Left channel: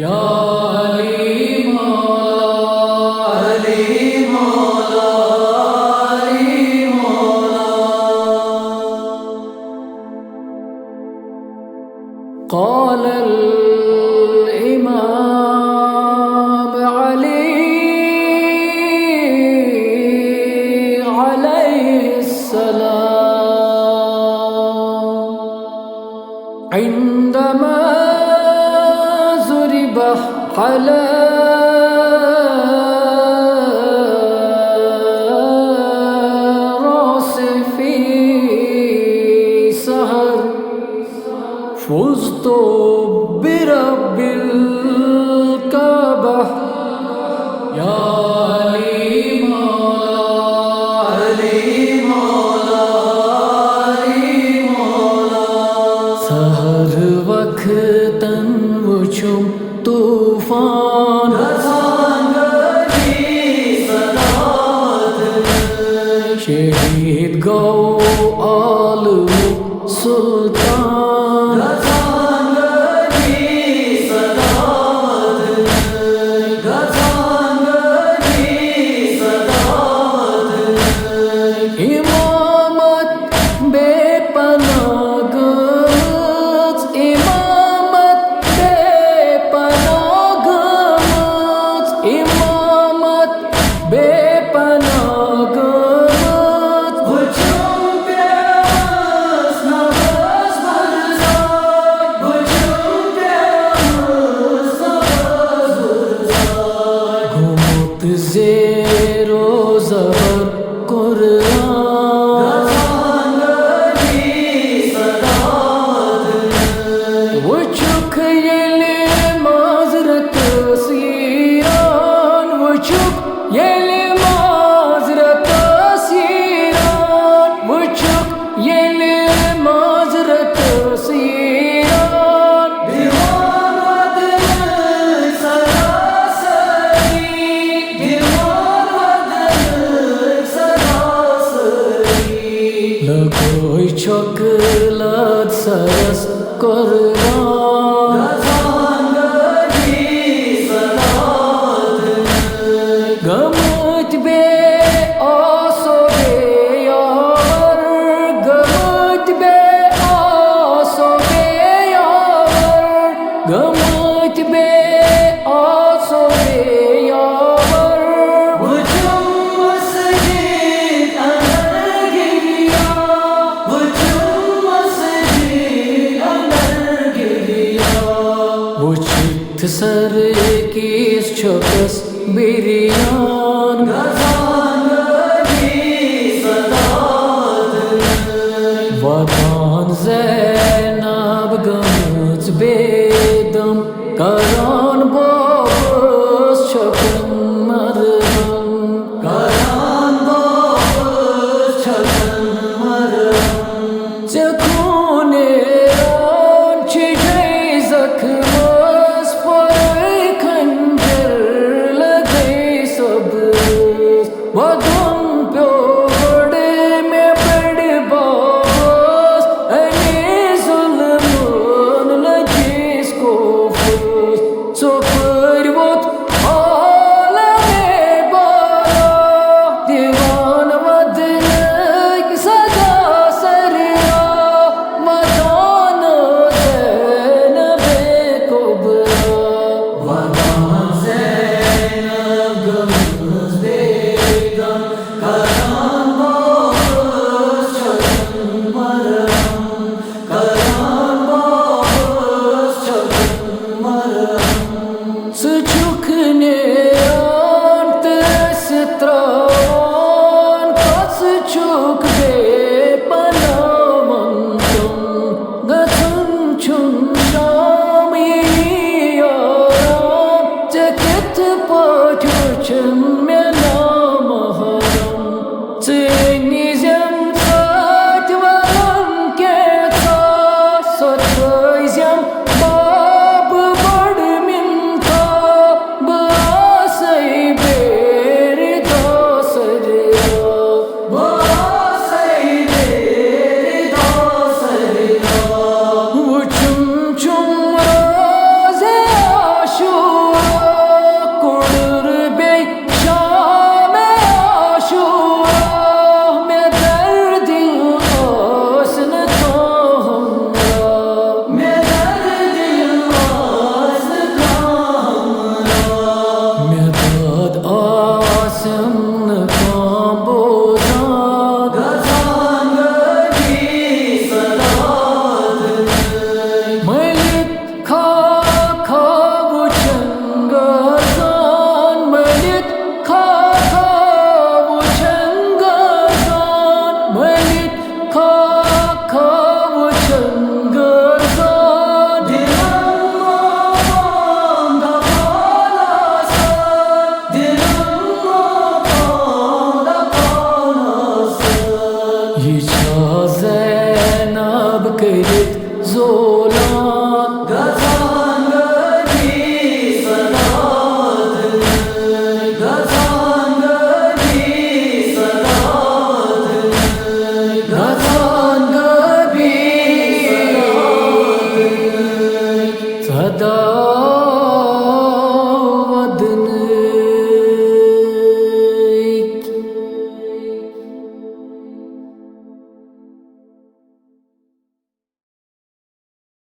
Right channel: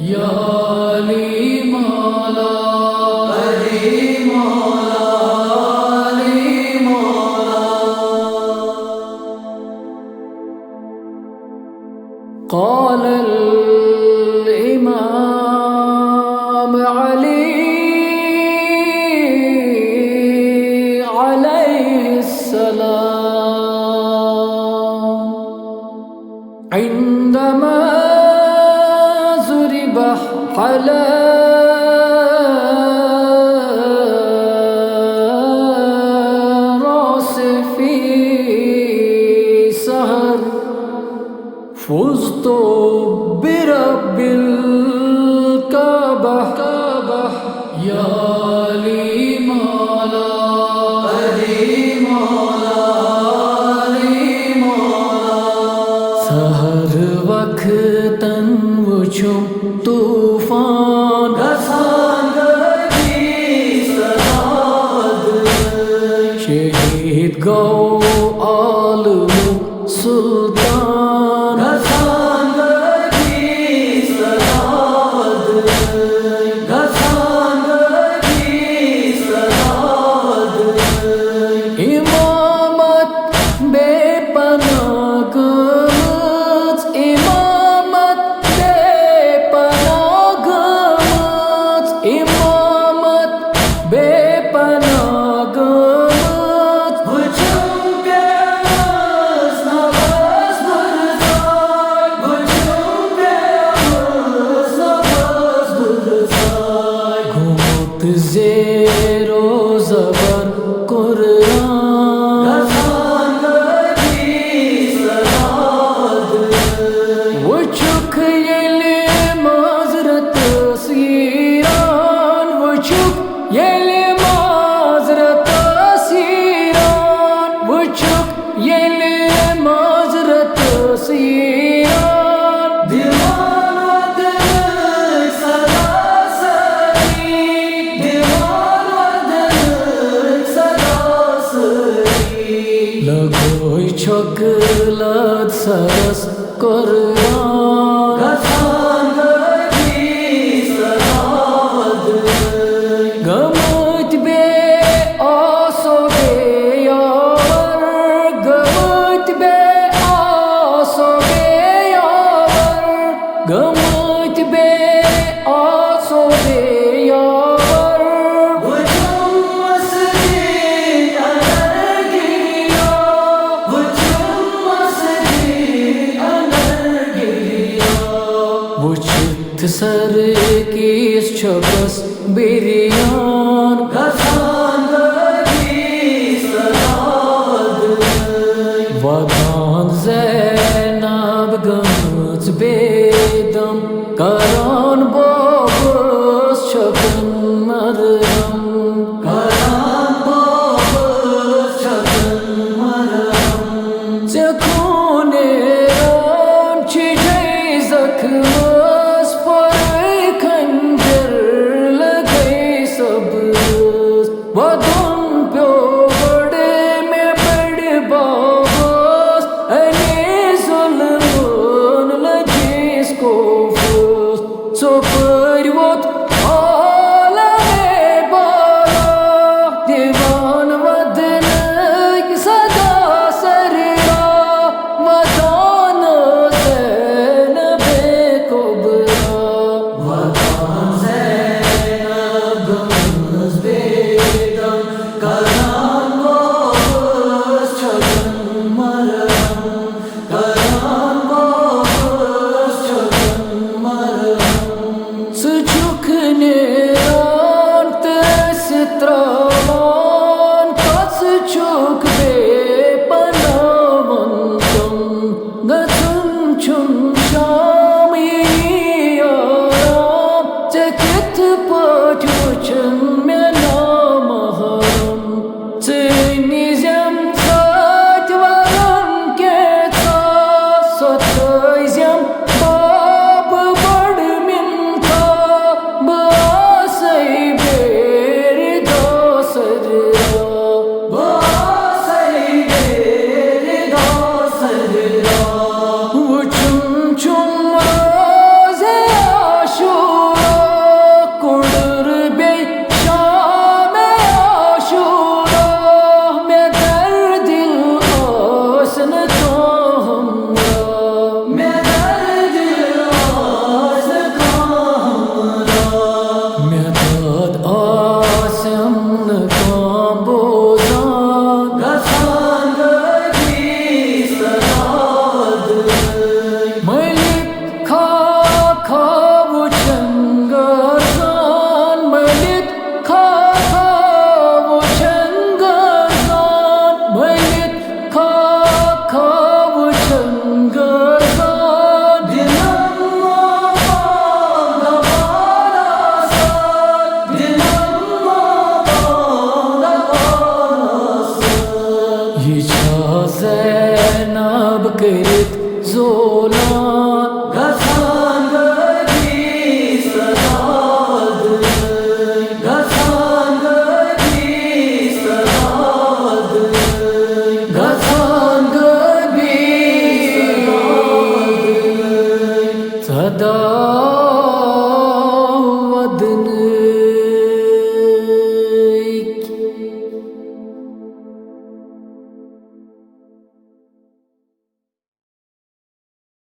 या अली मौला अली मौला अली मौला قال الإمام علي عليه السلام عندما ضرب على رأسه في سهر فزت برب الكعبة يا علي مولا علي مولا علي مولا سهر वक्तन वुछुम तूफान शहीद गौ आलम सुल्तान इमामत बेपनाह गमत इमामत बेपनाह गमत इमामत बेपनाह गमत वुछुम प्यास नवाज बरसाय वुछुम प्यास नवाज बरसाय घुमत ज़ेरो ज़बर कुरान वुछुक येले माज़रत सीरान वुछुक येले माज़रत सीरान वुछुक येले माज़रत सीरान दीवान वदन सदा सरी दीवान वदन सदा सरी लगोय चॉकलेट सरस कुर्बान गमत बे आसो बे यावर गमत बे आसो बे यावर गमत बे आसो बे यावर वुछुम मस्जिद अंदर गिरिया वुछुम मस्जिद अंदर गिरिया वुछत सर किस छकस बिरियान वदान ज़ैनब गमत बेदम करान बोबस छकन मरहम करान बोबस छकन मरहम जखूने रान छिजै जख्मस पर खंजर लगै सबस वदन प्यो बड़े में बड़ बाबस अने जुल्मन लजिस को फस सो परवत आलमे बाला दीवान वदन सदा सररा वदान ज़ैनब कुबरा वदान ज़ैनब गमत बेदम करान बोबस छकन मरहम करान बोबस छकन मरहम सुछुक नेरान तस त्रावान कस छुक बे पनावंतम गथुन छुम शाम याराम चकित पाठ वचन में नाम हरम चनिजम साथ वलन के सतजम बाब बड़ मिनता बासई बेर दासरा Basai Yıça Zeynep kırıt zolan